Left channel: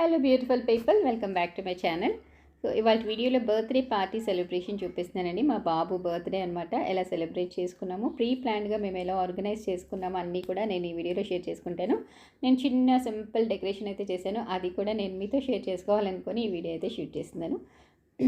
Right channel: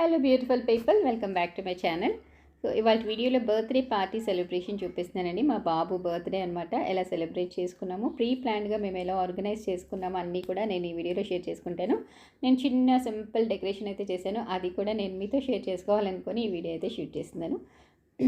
Hello beautiful people, welcome back to my channel. So ఇవాళ వీడియోలో birthday party celebration చూపిస్తున్నానండి. మా బాబు బర్త్డే అనమాట. ఎలా సెలబ్రేట్ చేసుకున్నాము, ప్రీ ప్లాన్గా మేము ఎలా ఆర్గనైజ్ చేసుకున్నాము అన్నీ కూడా నేను ఈ వీడియోలో షేర్ చేసుకుంటాను. నేను చిన్న సింపుల్ డెకరేషన్ అయితే చేశాను, అది కూడా నేను మీతో షేర్ చేసుకోవాలనుకొని ఈ వీడియో అయితే షూట్ చేస్తున్నాను.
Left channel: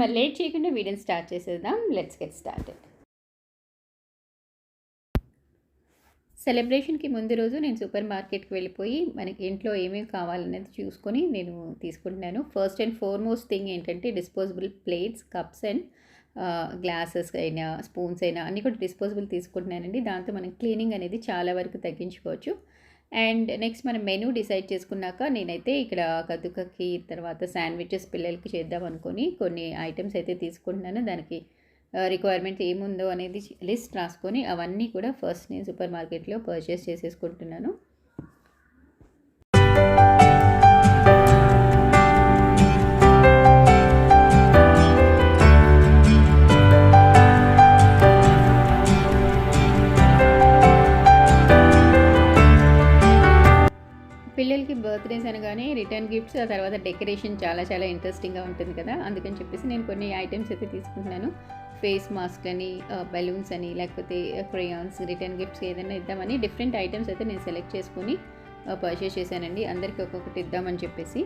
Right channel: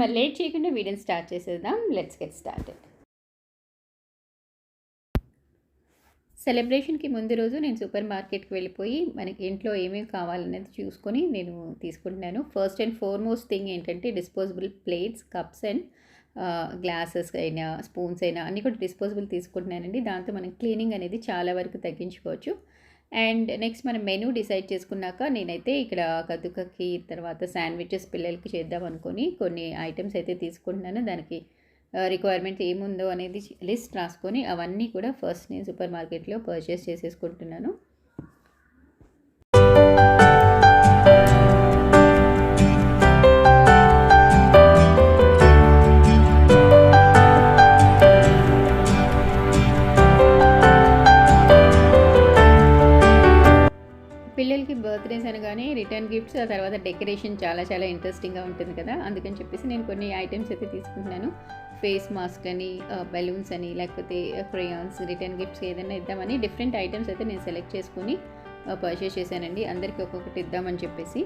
మరి లేట్ చేయకుండా వీడియోని స్టార్ట్ చేసేద్దాం. Let's get started. సెలబ్రేషన్కి ముందు రోజు నేను సూపర్ మార్కెట్కి వెళ్ళిపోయి మనకి ఇంట్లో ఏమేమి కావాలనేది చూసుకొని నేను తీసుకుంటున్నాను. ఫస్ట్ అండ్ ఫార్మోస్ట్ థింగ్ ఏంటంటే disposable plates, cups and glasses అయినా స్పూన్స్ అయినా అన్నీ కూడా డిస్పోజబుల్ తీసుకుంటున్నానండి. దాంతో మనం క్లీనింగ్ అనేది చాలా వరకు తగ్గించుకోవచ్చు. అండ్ నెక్స్ట్ మనం మెనూ డిసైడ్ చేసుకున్నాక నేనైతే ఇక్కడ కదుకకి తర్వాత శాండ్విచెస్ పిల్లలకి చేద్దాం అనుకొని కొన్ని ఐటమ్స్ అయితే తీసుకుంటున్నాను. దానికి రిక్వైర్మెంట్ ఏముందో అనేది లిస్ట్ రాసుకొని అవన్నీ కూడా ఫస్ట్ నేను సూపర్ మార్కెట్లో పర్చేస్ చేసేసుకుంటున్నాను. పిల్లలకి బర్త్డేస్ అనగానే రిటర్న్ గిఫ్ట్స్, ఆ తర్వాత డెకరేషన్ చాలా ఇంట్రెస్టింగ్గా ఉంటుంది కదా. అందుకని చెప్పేసి నేను కొన్ని ఐటమ్స్ అయితే తీసుకుంటున్నాను. ఫేస్ మాస్క్ అని, బెలూన్స్ అని, లేకపోతే క్రేయాన్స్, రిటర్న్ గిఫ్ట్స్ ఏదైనా ఇద్దామని డిఫరెంట్ ఐటమ్స్ అయితే నేను సెలెక్ట్ చేసుకొని పర్చేస్ చేశానండి. అందరికీ ఒక్కొక్కటి ఇద్దామని చెప్పేసి.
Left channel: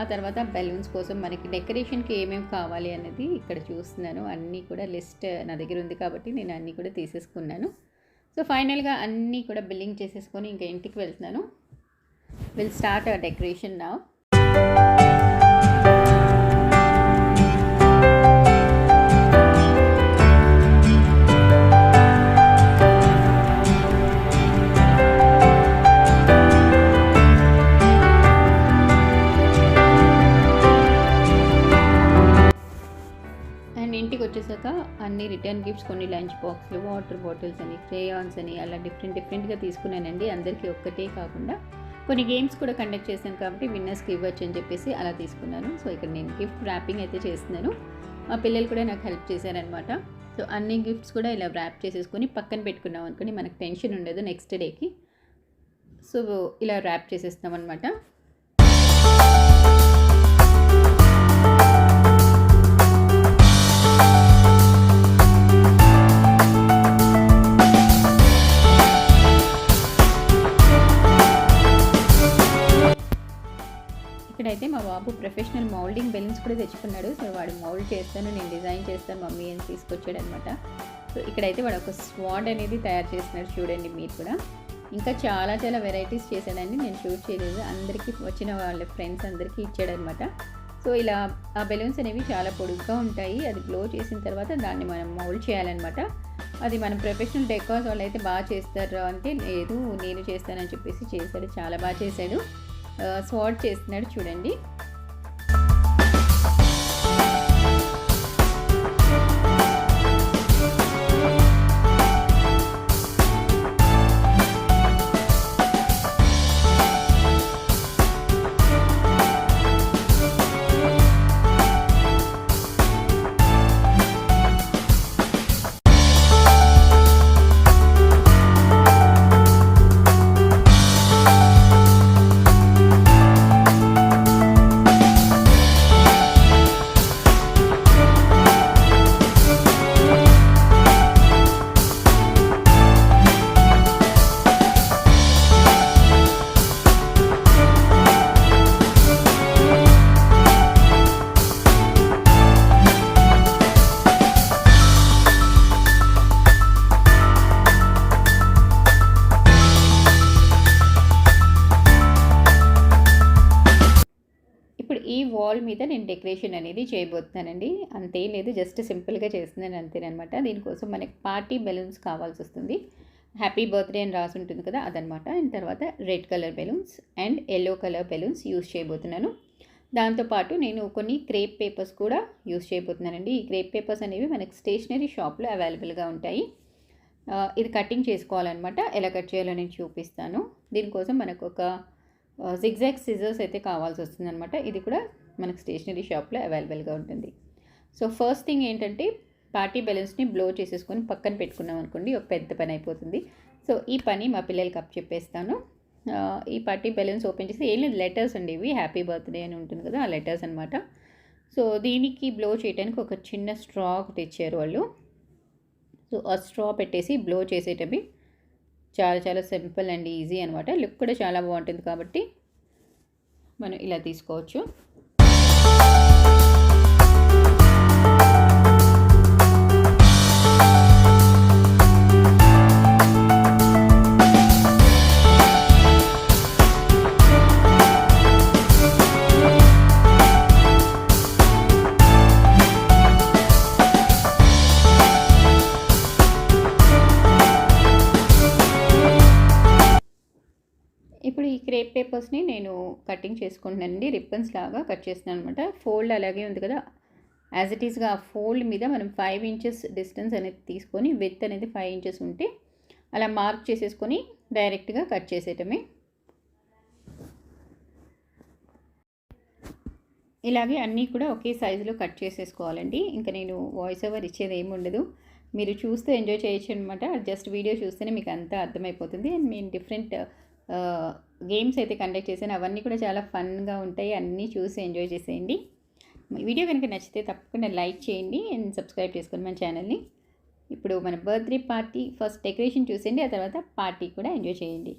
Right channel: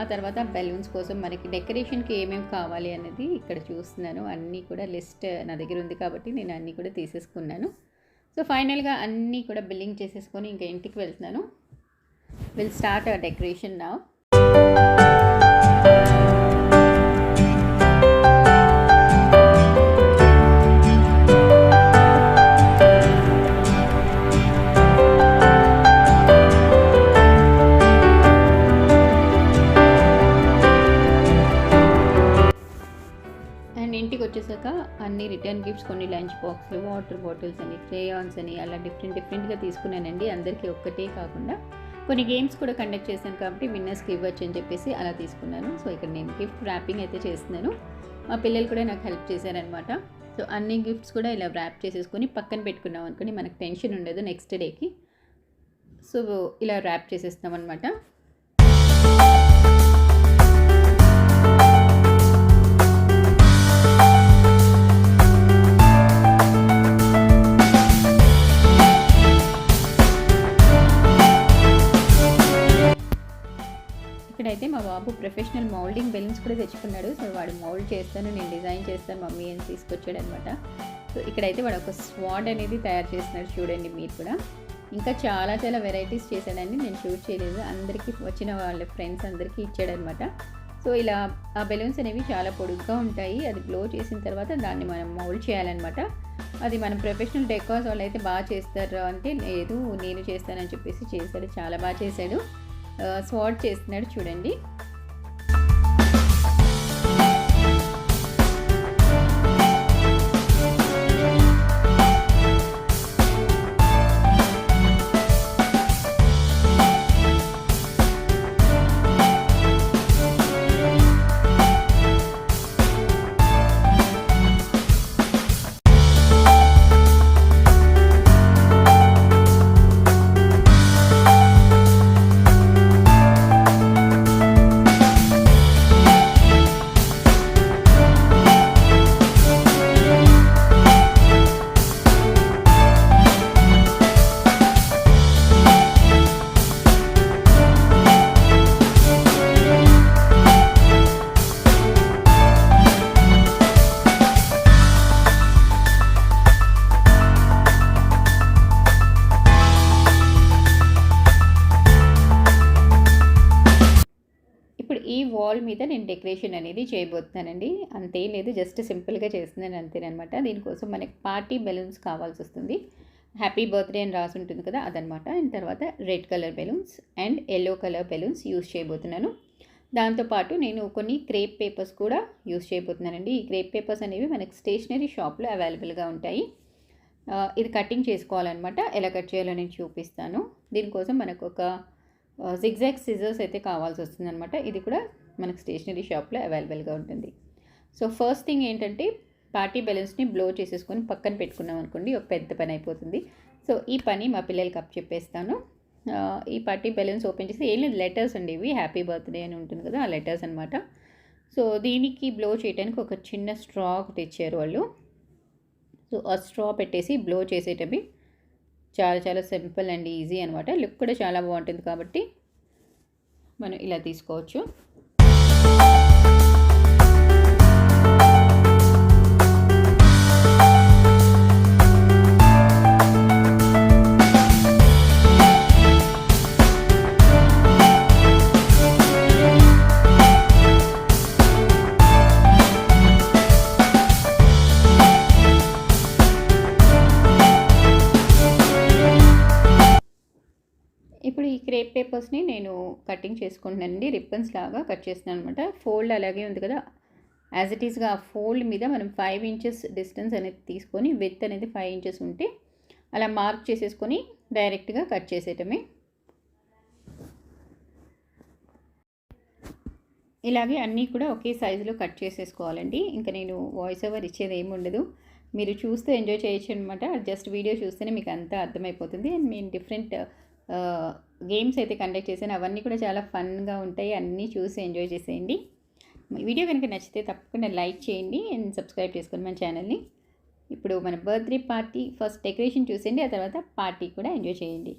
ఆ తర్వాత బెలూన్స్ కోసం మనకి డెకరేషన్కి ఏమేమి కావాలి అనేది ఇక్కడ చూస్తున్నాను. అన్నీ కూడా లిస్ట్ నా దగ్గర ఉంది కాబట్టి నేను అన్నీ కూడా తీసేసుకున్నాను. సో ఫైనల్గా అన్నీ కూడా బిల్లింగ్ చేసేసుకొని ఇంకా ఇంటికి వెళ్తున్నాను. We'll start our decoration now. And ఇంటికి వచ్చేసాక అన్ని రిటర్న్ గిఫ్ట్స్, కొన్ని లంచ్ బాక్స్లు, వాటర్ బాటిల్స్ అని, క్రేయాన్స్ అని అలా డిఫరెంట్గా తీసుకున్నానండి. అందరికీ ఒక్కటే కాకుండా కొన్ని గేమ్స్ కూడా కండక్ట్ చేశాను కాబట్టి విన్నర్స్కి ఇవ్వచ్చు అని చెప్పేసి అలా తీసుకున్నాను. సో ఇక్కడ నేను గిఫ్ట్ ర్యాపింగ్ అయితే చేస్తున్నాను. మా పిల్లలు కూడా నాకు హెల్ప్ చేశారనమాట. సో అన్ని గిఫ్ట్స్ కూడా ఇలా ర్యాప్ చేసేసుకొని పక్కన పెట్టుకున్నాం అనుకోని మనకు టెన్షన్ ఉండదు నెక్స్ట్ డేకి. సో ఇలా ర్యాప్ చేసేస్తాం అనమాట. ఇక్కడైతే మా బాబు ప్రొఫెషనల్ మౌల్డింగ్ బెలూన్స్ కూడా తెచ్చుకున్నాడు. సో వాడు మౌల్డ్ చేస్తాను, నేను డిజైన్ చేస్తాను మమ్మీ అని తీసుకొచ్చాడు అనమాట. సో ఇక్కడైతే వాడు ఒక స్వాడ్ అనేది తయారు చేస్తున్నాడు, చూడండి మీరు కూడా. ఇంకా చాలా వెరైటీస్ చేశాడండి, నేను షూట్ చేయలేదు. అందరికీ వచ్చిన వాళ్ళ ఫ్రెండ్స్ అందరికీ ఇచ్చాడనమాట. సో ఇలా ఆ బెలూన్స్ అనేవి చాలా పొడుగ్గా ఉంటాయి. అది గ్లో చేసిన తర్వాత దాన్ని మనం మౌల్డ్ చేయాలన్నమాట. అది మనం ప్రొఫెషనల్ డెకార్స్ వాళ్ళు అయితే బాగా చేస్తారు అంటే, లేదు నేను చేస్తానని చెప్పేసి చేశాడు, చాలా బాగా చేశాడు. స్వాడ్ చేస్తున్నాడు చూడండి. ఈ వాల్ మీద నేను డెకరేషన్ అనేది చేయబోతున్నానండి. అంతేం లేదు, జస్ట్ సింపుల్గా చేస్తున్నాను అంతేనమాట. దీనికోసం మనకి పార్టీ బెలూన్స్ కావాల్సి వస్తుంది. హ్యాపీ బర్త్డే అని రాసి ఉంటుంది కదా, అదనమాట. అండ్ తర్వాత red colour balloons and yellow colour balloons use చేయబోతున్నాను. దాంతోపాటు నేను కొన్ని క్రేప్ పేపర్స్ కూడా యూస్ చేయబోతున్నానండి. ఈ క్రేప్ పేపర్స్ అనేవి మనకి స్టేషనరీ షాప్లో అవైలబుల్గా ఉంటాయి. ఇది కటింగ్ చేసుకోవాలన్నమాట. ఎలా కట్ చేయాలో నేను చూపిస్తాను. దీనికోసం మనకు ఒక జిగ్జాగ్ సిజర్స్ అయితే కావాల్సి వస్తుంది అనమాట. ఇది కూడా మనకు స్టేషనరీ షాప్లో అవైలబుల్గా ఉంటుంది. సో ఫస్ట్ థింగ్ ఏంటంటే పార్టీ బెలూన్స్ని బ్లో చేసేసుకొని పక్కన పెట్టుకున్నాం అనుకోండి, ఒక పెద్ద పని అయిపోతుంది. సో ఈ పని మా పిల్లలకి అప్పచెప్పేస్తాను. ఈ పార్టీ బెలూన్స్ ఓపెన్ చేసి ఏం లేదు, లెటర్స్ అండి ఇవి, హ్యాపీ బర్త్డే అని ఉంటుంది కదా ఆ లెటర్స్ అనమాట. సో దీనికి బ్లో చేయడానికి ఒక చిన్న స్ట్రా ఒకటి ఇచ్చారు వాళ్ళు. సో ఆ స్ట్రా పెట్టేసి బ్లో చేసేటవి చాలా చాలా సింపుల్ అండ్ ఈజీ అనమాట. లుక్ కూడా చాలా బాగుంటుంది కాబట్టి మనం ఇలా తీసుకోవచ్చు. ఇప్పుడు ఈ క్రేప్ పేపర్స్ని నేను కటింగ్ చేసుకుంటున్నానండి, రిబ్బన్స్ లాగా కట్ చేస్తున్నాను అనమాట. ఫోల్డ్ అలాగే ఉంది కదా, యాజ్ ఇట్ ఈస్గా ఆ ఫోల్డ్ మీద మనం 5 ఇంచెస్ డిస్టెన్స్ అనేది తీసుకొని, విత్ అనేది 5 ఇంచెస్ ఉంటే అలా మార్క్ చేసేసుకొని డైరెక్ట్గా కట్ చేసేయటమే. ఇలాగే అన్నీ కూడా ఒకే సైజులో కట్ చేసేసుకోవాలండి. ఇంకా నేను వాయిస్ ఓవర్ ఇచ్చేది ఏమి ఉండదు, మీరు చూస్తూ ఎంజాయ్ చేయొచ్చు అనమాట. జస్ట్ వీడియో చూస్తేనే మీకు అంతా అర్థమైపోతుంది. అండ్ నేను డిఫరెంట్ గేమ్స్ అయితే కండక్ట్ చేశాను, అవన్నీ కూడా చాలా ఫన్గా ఉంటాయి, అన్నీ చూసి ఎంజాయ్ చేసేయండి. వీడియో కనుక నచ్చితే తప్పకుండా లైక్ చేయండి అండ్ సబ్స్క్రైబ్ చేసుకోండి మన ఛానల్ని. ఇప్పుడు మన బర్త్డే పార్టీ ఫస్ట్ డెకరేషన్ చూసేయండి, ఆ తర్వాత పార్టీ కూడా ఎంజాయ్ చేయండి.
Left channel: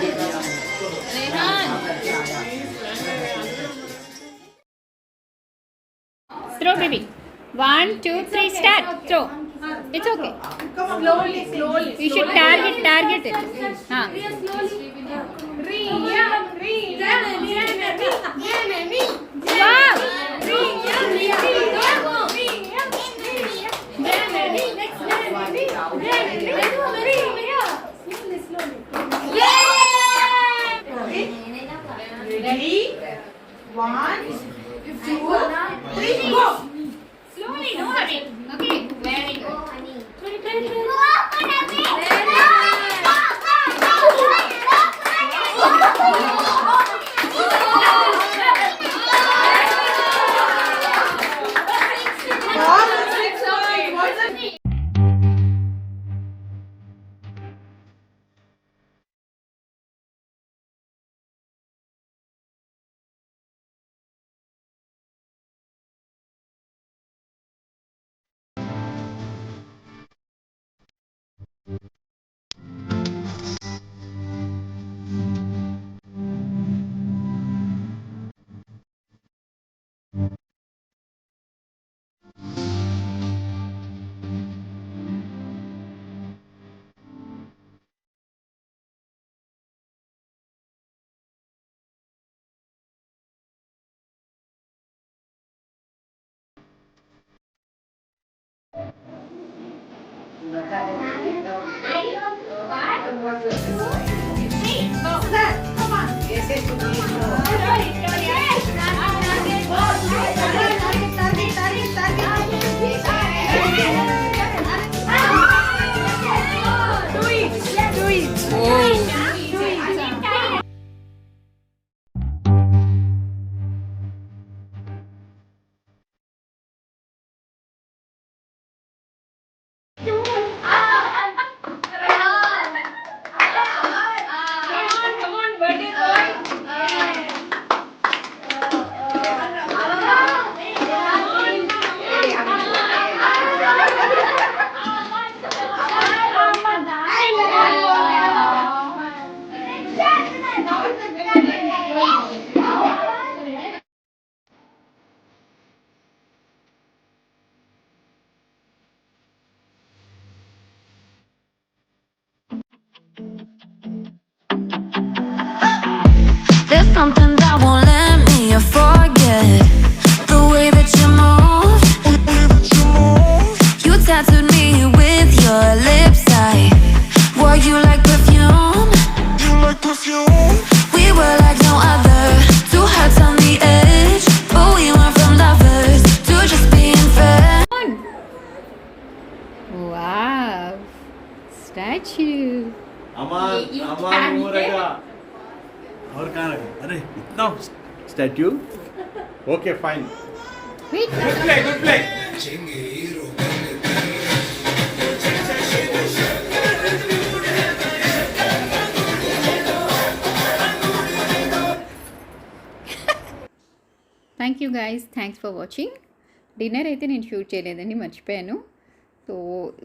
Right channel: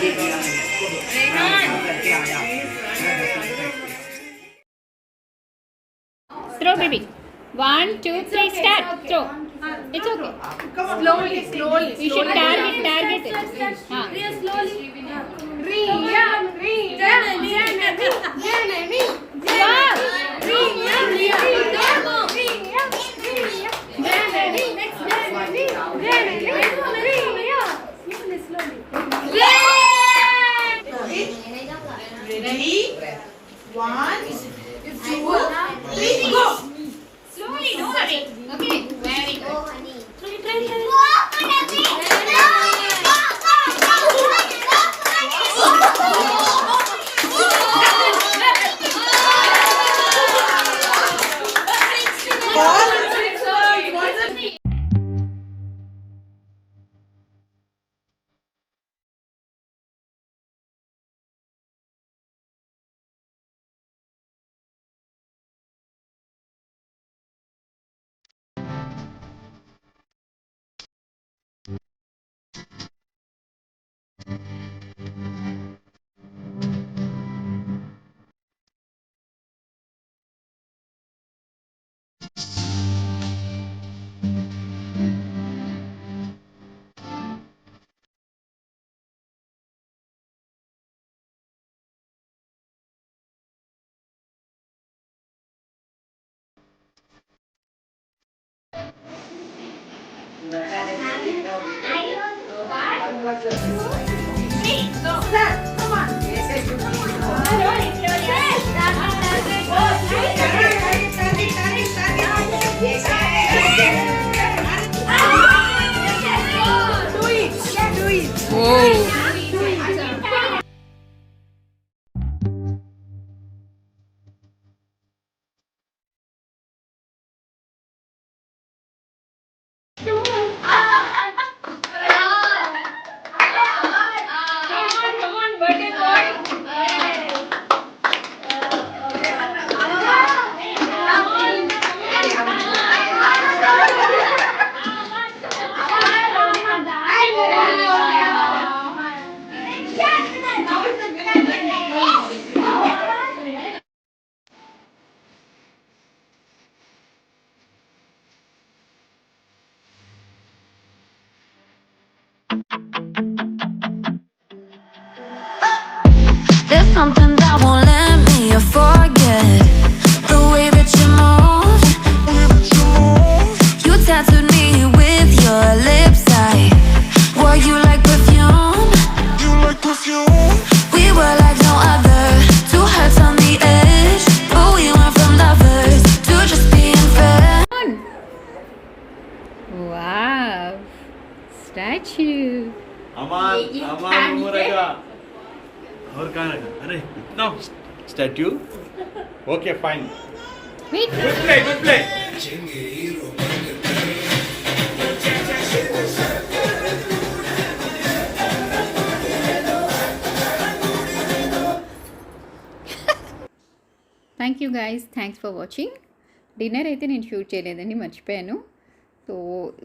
Yeah. Throw, baby. 1, 2, 3, start. Throw. It's okay. Slowly. You should target it. Wow. Ready? 1, 2, 3, go! Slowly, no hurry. Okay, very good. There's something that won't let me forget the way that you move. You tattooed me with your lips. I wore you like perfume. We were like no other, two hearts on the edge, but we went from lovers to just being friends. Wow. Statue. अमान हो रहेगा और कहाँ है? अरे इतना statute okay fine Wait. Good play thank you guys, thanks for watching. Dinner అయితే నేను షూట్ చేయలేదండి, మర్చిపోయాను. సో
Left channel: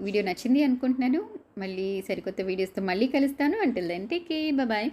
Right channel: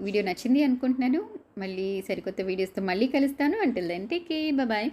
వీడియో నచ్చింది అనుకుంటున్నాను. మళ్ళీ సరికొత్త వీడియోస్తో మళ్ళీ కలుస్తాను. Until then take care, bye.